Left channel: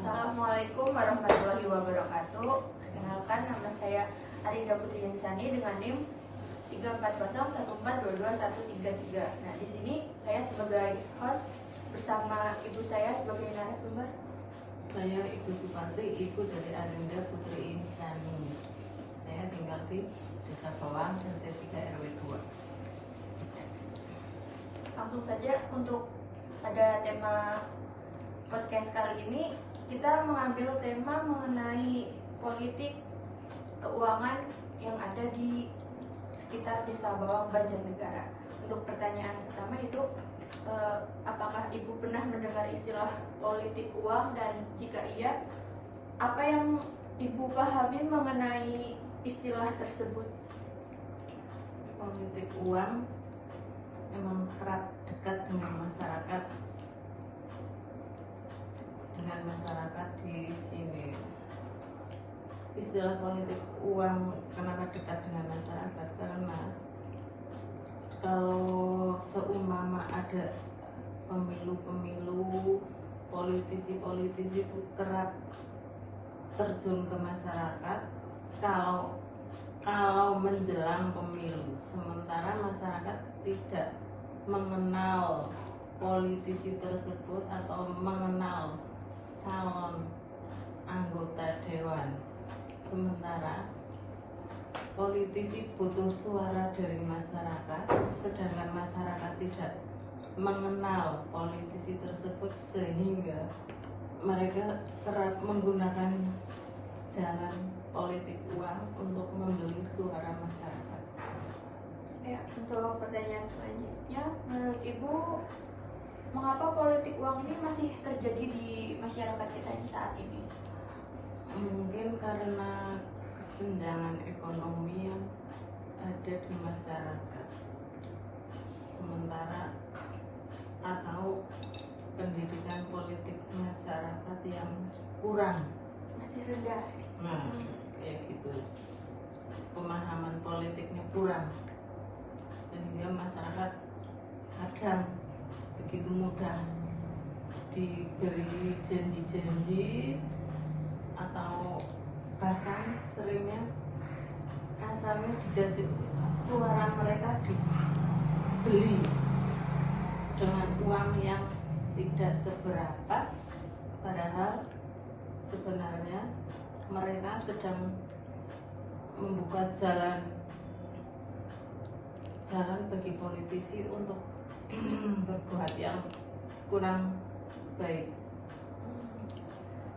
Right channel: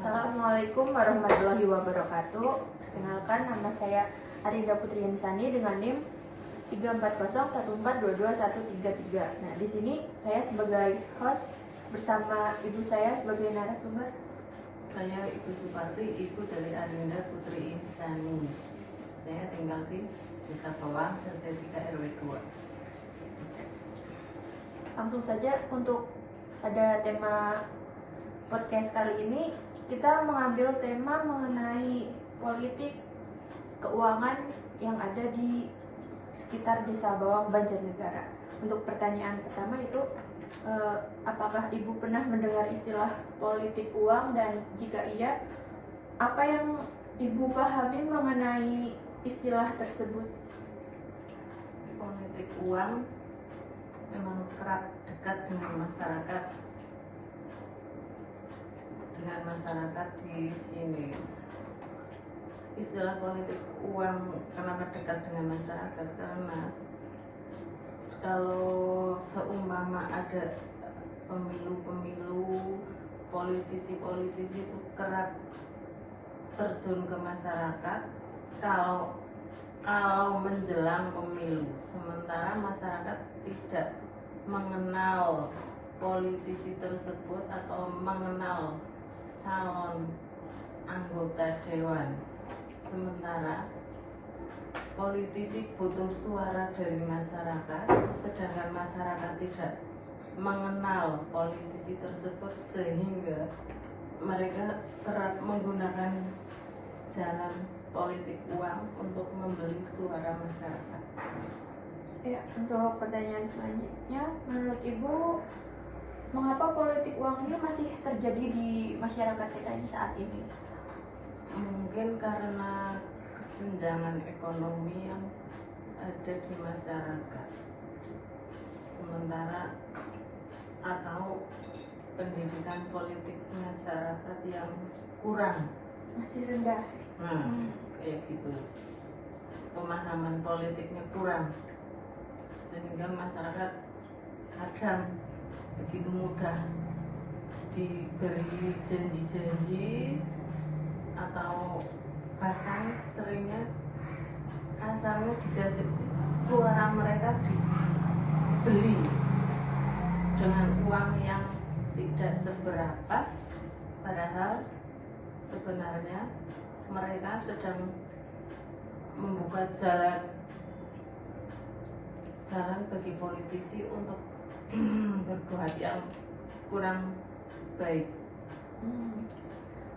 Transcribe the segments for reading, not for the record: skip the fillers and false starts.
Assalamualaikum warahmatullahi wabarakatuh. Perkenalkan, nama saya Arinda Putri Yanisani dengan NIM 34014221133. Nah, di sini saya sebagai host bersama ibu saya sebagai narasumber. Saya Ibu Suparti, ibu dari Arinda Putri Yanisani. Saya tinggal di Desa Bawang, RT 3 RW 2. Langsung saja untuk pada tema podcast kali ini, kita mengambil tema mengenai politik keuangan yang ada di sekitar Desa Bawang, Banjarnegara. Untuk pertanyaan pertama itu, apakah Ibu pernah mendengar istilah politik uang, dan jika iya, apa yang Ibu pahami mengenai istilah tersebut? Politik uang memang kerap dekat dengan masyarakat di sini. Istilah politik uang kenapa dekat dengan masyarakat? Karena kalau seumpama ada pemilu-pemilu, politisi-politisi itu kerap terjun ke masyarakat kalau menjelang pemilu, sementara masyarakat tidak mengenal politisi tersebut atau mengenal calon anggota dewan. Sementara politisi butuh suara dari masyarakat, sedangkan masyarakat tidak mengenal politisi tersebut, sehingga mereka kerap menggunakan jalan politik uang untuk membeli suara masyarakat. Ya, untuk pertanyaan selanjutnya, menurut Ibu, mengapa politik uang ini masih terjadi di masyarakat kita yang saat ini? Mungkin karena kesenjangan ekonomi yang ada di masyarakat, sementara atau pendidikan politik masyarakat yang kurang, Masih rendah. Kayak gitu, pemahaman politiknya kurang, sehingga masyarakat kadang begitu mudah diberi janji-janji, atau bahkan seringnya kasarnya dikasih suara mereka dibeli dengan uang yang tidak seberapa, padahal sebenarnya mereka sedang membuka jalan bagi politisi untuk berbuat yang kurang baik.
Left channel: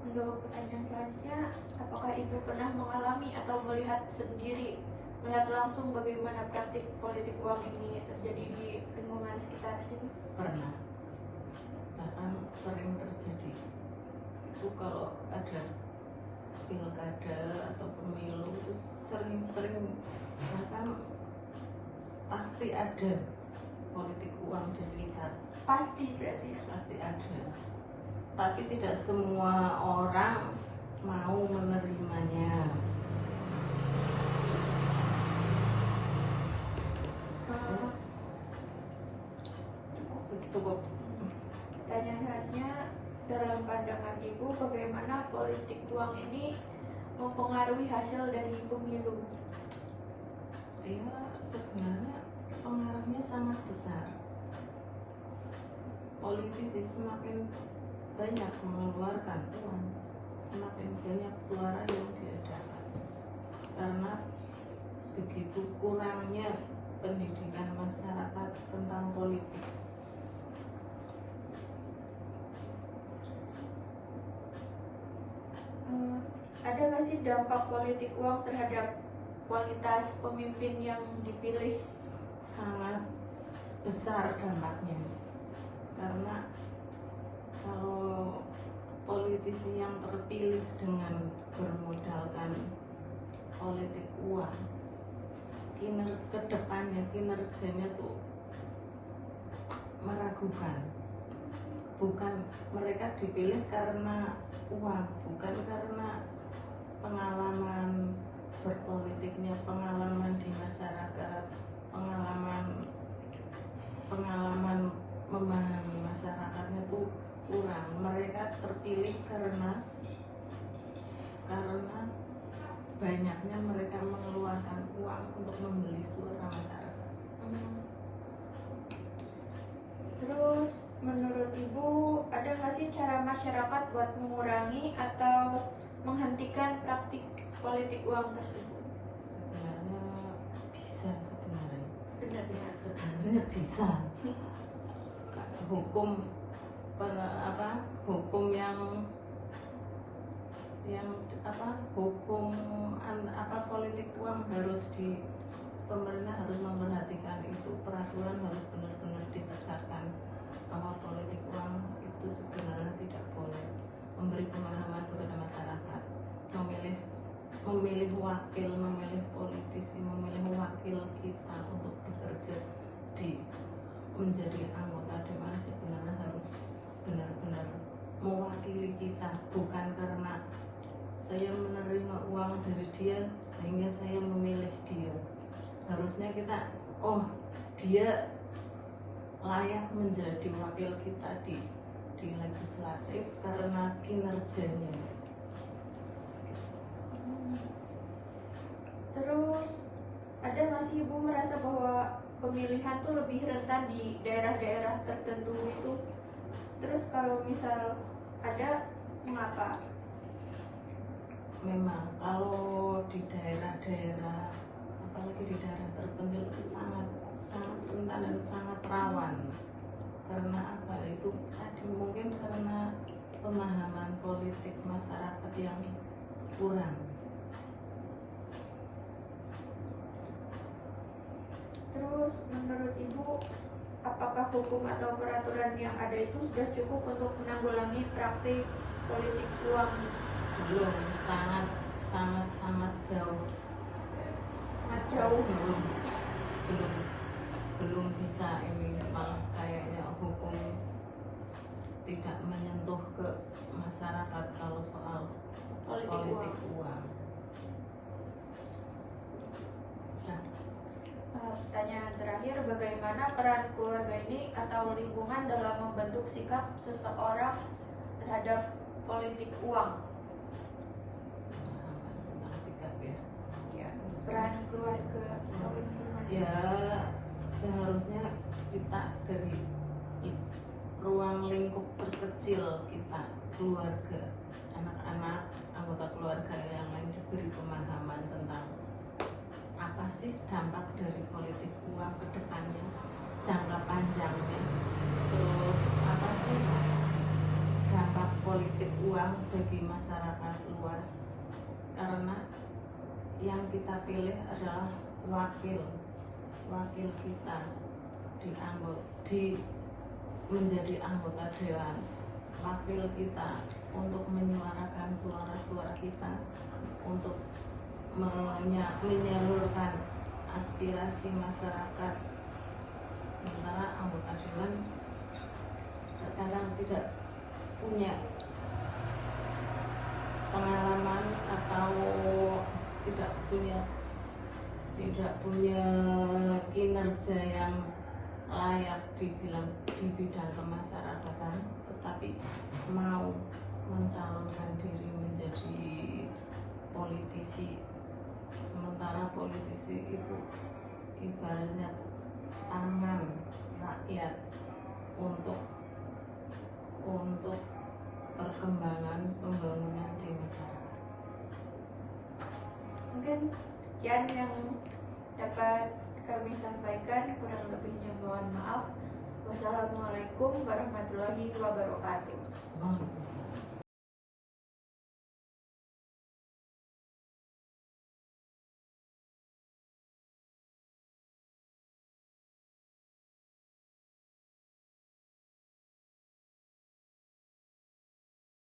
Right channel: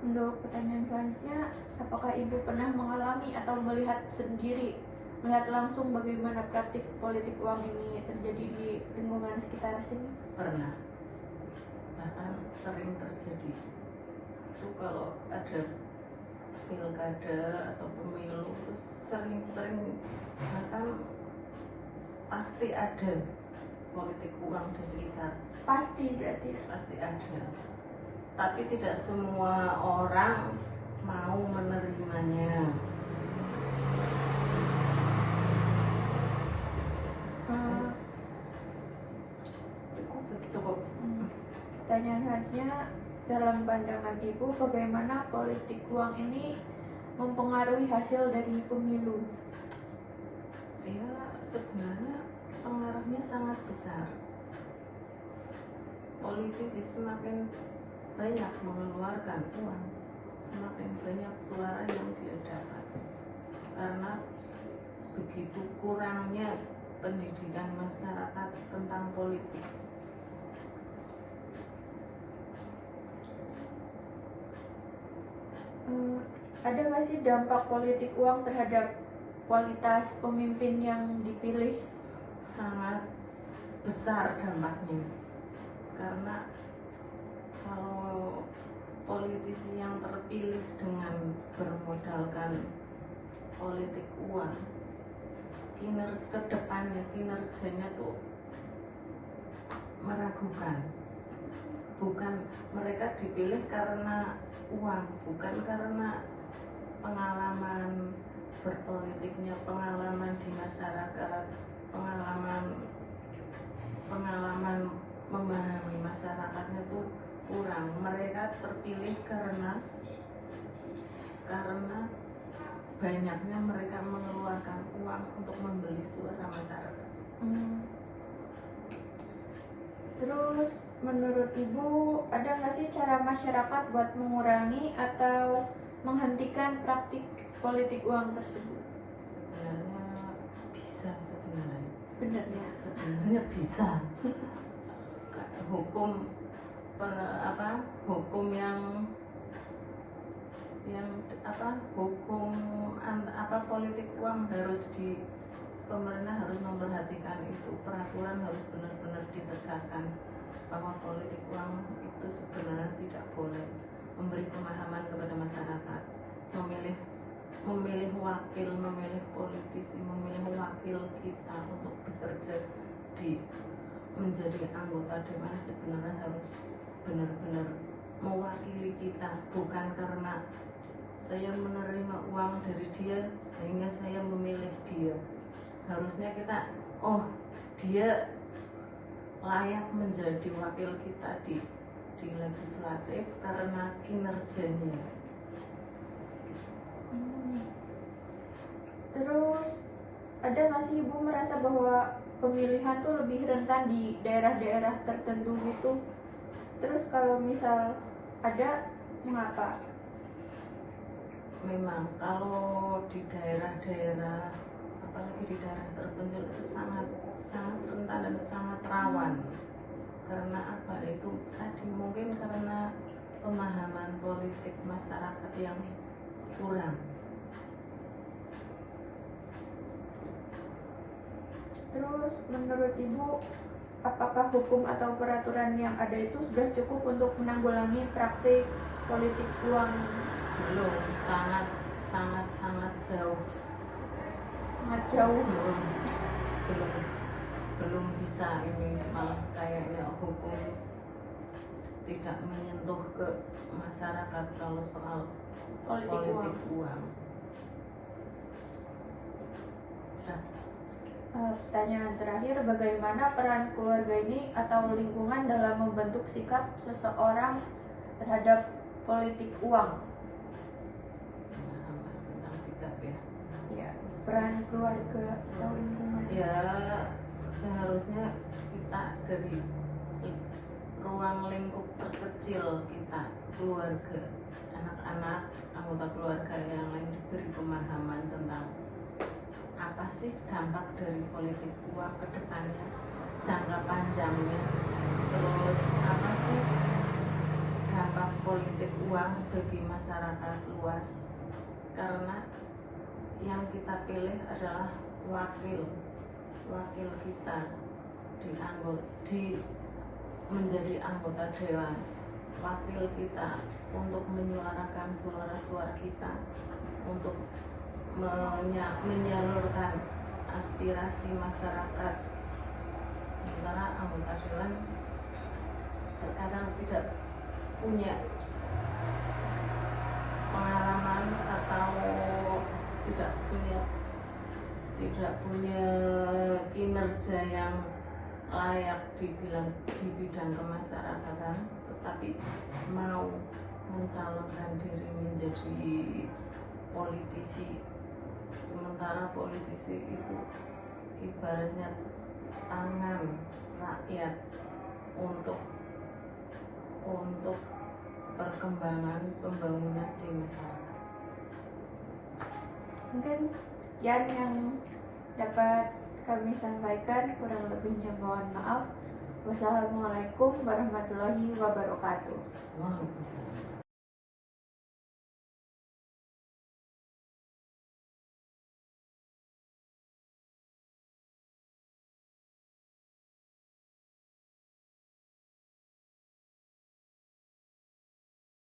Untuk pertanyaan selanjutnya, apakah Ibu pernah mengalami atau melihat langsung bagaimana praktik politik uang ini terjadi di lingkungan sekitar sini? Pernah, bahkan sering terjadi. Itu kalau ada pilkada atau pemilu itu sering, bahkan pasti ada politik uang di sekitar. Pasti berarti? Pasti ada, tapi tidak semua orang mau menerimanya. Cukup. Pertanyaan selanjutnya, dalam pandangan Ibu, bagaimana politik uang ini mempengaruhi hasil dari pemilu? Ya, sebenarnya pengaruhnya sangat besar. Politisi semakin banyak mengeluarkan uang, semakin banyak suara yang dia dapat, karena begitu kurangnya pendidikan masyarakat tentang politik. Ada nggak sih dampak politik uang terhadap kualitas pemimpin yang dipilih? Sangat besar dampaknya, karena kalau politisi yang terpilih dengan bermodalkan politik uang, kinerjanya tuh meragukan. Bukan mereka dipilih karena uang, bukan karena pengalaman berpolitiknya, pengalaman di masyarakat, pengalaman memahami masyarakatnya tuh kurang. Mereka terpilih karena banyaknya mereka mengeluarkan uang untuk membeli suara masyarakat. Terus menurut Ibu ada nggak sih cara masyarakat buat mengurangi atau menghentikan praktik politik uang tersebut? Sebenarnya bisa Sebenarnya bisa. Hukum hukum yang politik uang harus pemerintah harus memperhatikan itu, peraturan harus benar-benar ditegakkan bahwa politik uang itu sebenarnya tidak boleh, memberi pemahaman kepada masyarakat, memilih wakil, memilih politisi, memilih wakil kita untuk bekerja menjadi anggota dewan sebenarnya harus benar-benar mewakili kita, bukan karena saya menerima uang dari dia sehingga saya memilih dia. Harusnya kita, dia layak menjadi wakil kita di legislatif karena kinerjanya. Terus ada nggak sih Ibu merasa bahwa pemilihan tuh lebih rentan di daerah-daerah tertentu gitu? Terus kalau misal ada, mengapa? Memang kalau di daerah-daerah, apalagi di daerah terpencil itu sangat rentan dan sangat rawan. Karena apa? Itu tadi mungkin karena pemahaman politik masyarakat yang kurang. Terus menurut Ibu, apakah hukum atau peraturan yang ada itu sudah cukup untuk menanggulangi praktik politik uang? Belum, sangat jauh. Sangat jauh. Belum bisa. Ini malah kayaknya hukum tidak menyentuh ke masyarakat kalau soal politik uang. Pertanyaan terakhir, bagaimana peran keluarga ini atau lingkungan dalam membentuk sikap seseorang terhadap politik uang? Tentang sikap ya. Peran keluarga atau lingkungan. Ya, seharusnya kita dari ruang lingkup terkecil kita, keluarga, anak-anak, anggota keluarga yang lain diberi pemahaman tentang apa sih dampak dari politik uang ke depannya, jangka panjangnya, terus apa sih dampak politik uang bagi masyarakat luas, karena yang kita pilih adalah wakil kita menjadi anggota dewan, wakil kita untuk menyuarakan suara-suara kita, untuk menyalurkan aspirasi masyarakat. Sementara anggota dewan terkadang tidak punya pengalaman atau tidak punya kinerja yang layak di bidang kemasyarakatan, tetapi mau mencalonkan diri menjadi politisi. Sementara politisi itu ibaratnya tangan rakyat untuk perkembangan pembangunan di masyarakat. Mungkin sekian yang dapat kami sampaikan, kurang lebihnya mohon maaf. Wassalamualaikum warahmatullahi wabarakatuh.